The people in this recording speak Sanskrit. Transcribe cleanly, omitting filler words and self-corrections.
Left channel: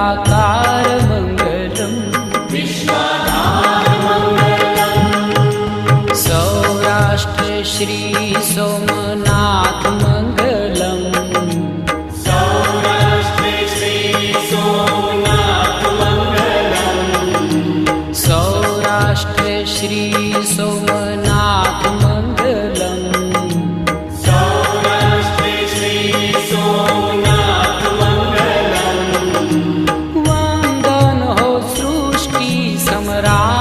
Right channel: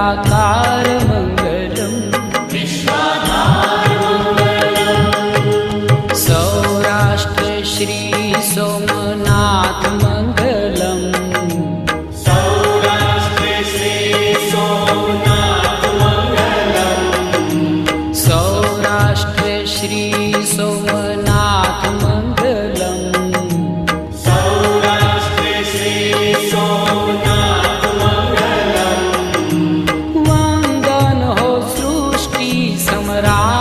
विश्वाधार मंगलम सौराष्ट्र श्री सोमनाथ मंगलम सौराष्ट्र श्री सोमनाथ मंगलम वंदन हो सृष्टि सम्राट